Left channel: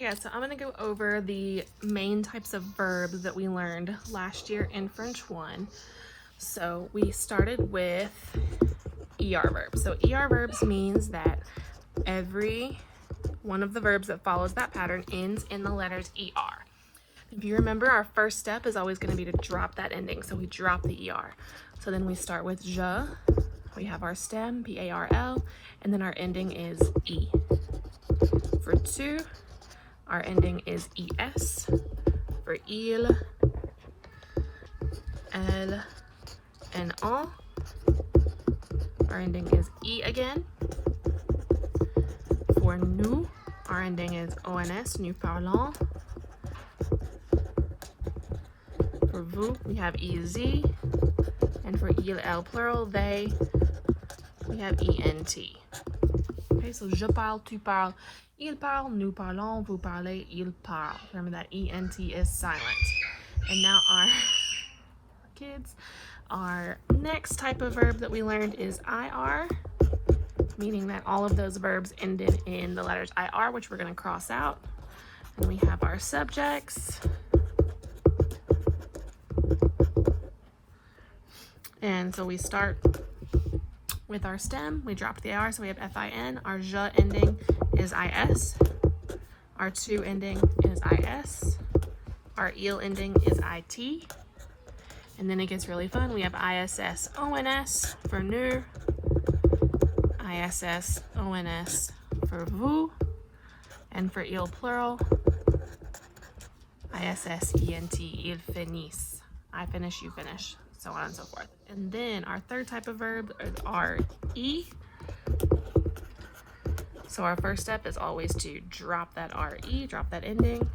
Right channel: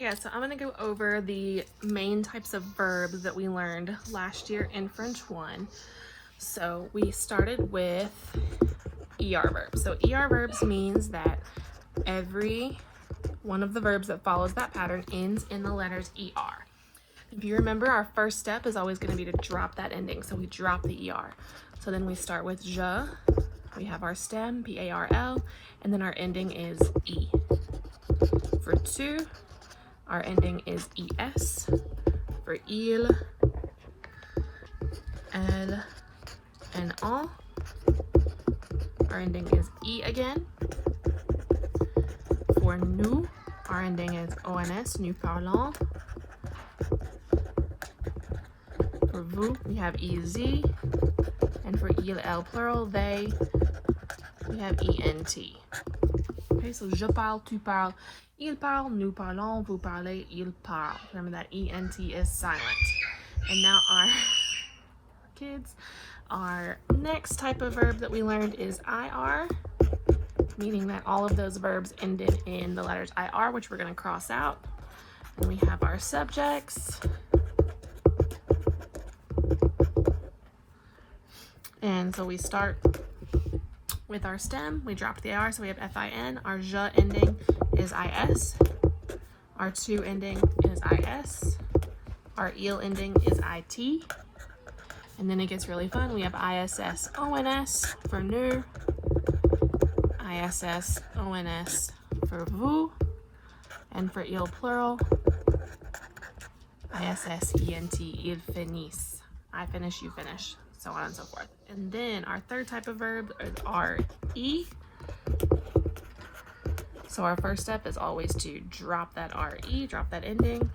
Yeah, so I'm going to go over the main types of verbs that we learned last year in French 1. So we started with ER verbs. So ER verbs means that every one of the verbs that follows that pattern ends in the letters ER. If you remember, our first step is always going to be to drop that ending. So we drop the ER. So then we start with je, we have our stem, P-A-R-L, and then our ending is E. For tu, our ending is ES. For il, elle, and en, our ending is E again. For nous, our ending is ONS, nous parlons. For vous, we have EZ. And for il, elle, plural, they, we have ENT. Okay, so je parle, tu parles, il parle, nous parlons, vous parlez, il parle. Remember that ENT is silent. And now our next type of verb that we learned is IR, meaning that all of those verbs ended in the letters IR, which we're going to cross out. And we have our subjects. And so we start with our stem. We drop the IR, so we have FIN. Our je ending is IS. Our tu ending is IS. Our il ending is IT. And then it gets really fun. We have ISS ONS for nous. ISS ONS for vous. And for il plural, ISS ENT, il finisse. I finish, you finish, so on and so forth. And then our third type of verb is RE. So our first step is always to drop that RE, drop that ending.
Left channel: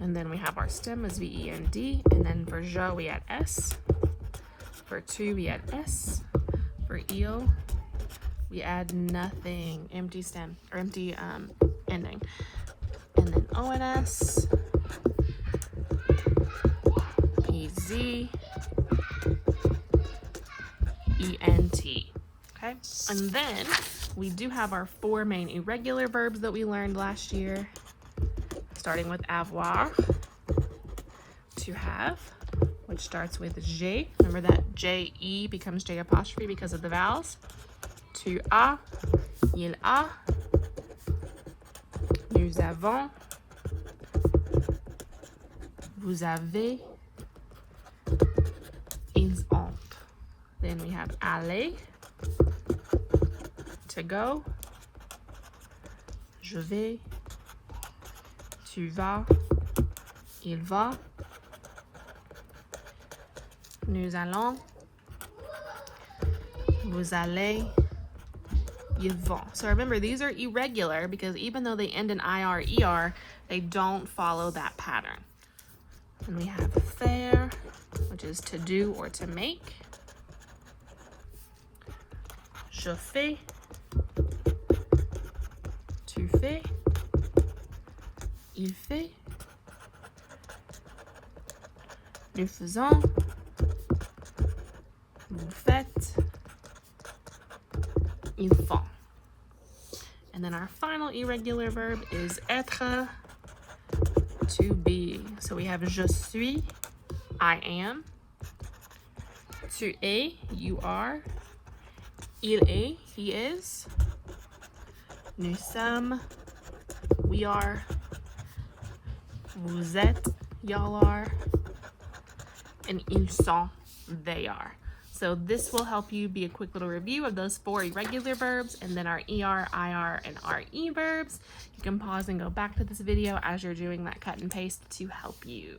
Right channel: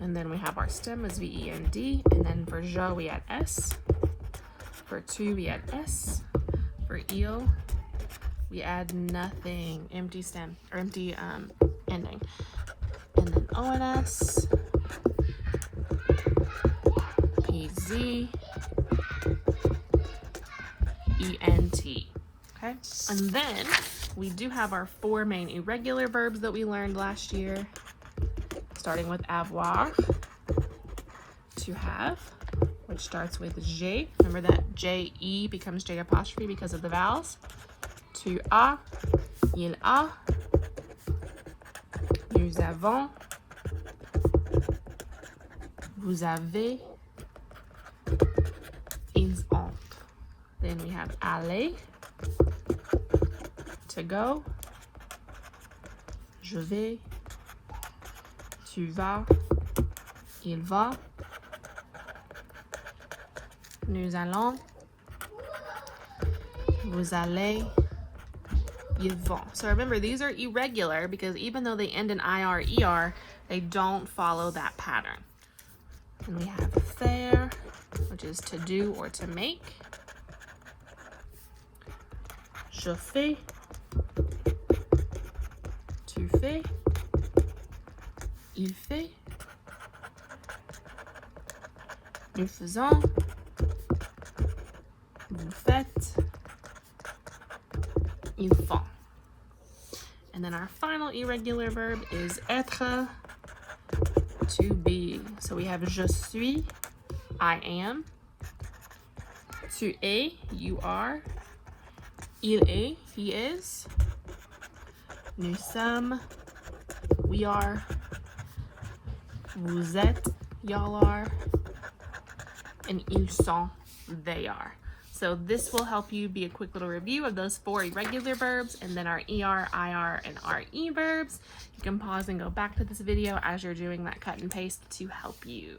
And then we have our stem as VEND, and then for je we add S. For tu we add S. For il we add nothing, empty stem or empty ending. And then ONS, EZ, ENT. Okay, and then we do have our 4 main irregular verbs that we learned last year, starting with avoir, to have, which starts with J. Remember that J-E becomes J apostrophe because of the vowels. Tu as, il a, nous avons, vous avez, ils ont. Then we have aller, to go, je vais, tu vas, il va, nous allons, vous allez, ils vont. So remember, these are irregular because even though they end in IR, ER, they don't follow that pattern. And we have faire, which is to do or to make. Je fais, tu fais, il fait, nous faisons, vous faites, il fait. And then our final irregular verb is être, to be. So we have je suis, I am. Tu es, you are. Il est, he is. Nous sommes, we are. Vous êtes, y'all are. And ils sont, they are. So this will help you be a quick little review of those 4 irregular verbs and then our ER, IR, and RE verbs. You can pause and go back to this video as you're doing that cut and paste to help you.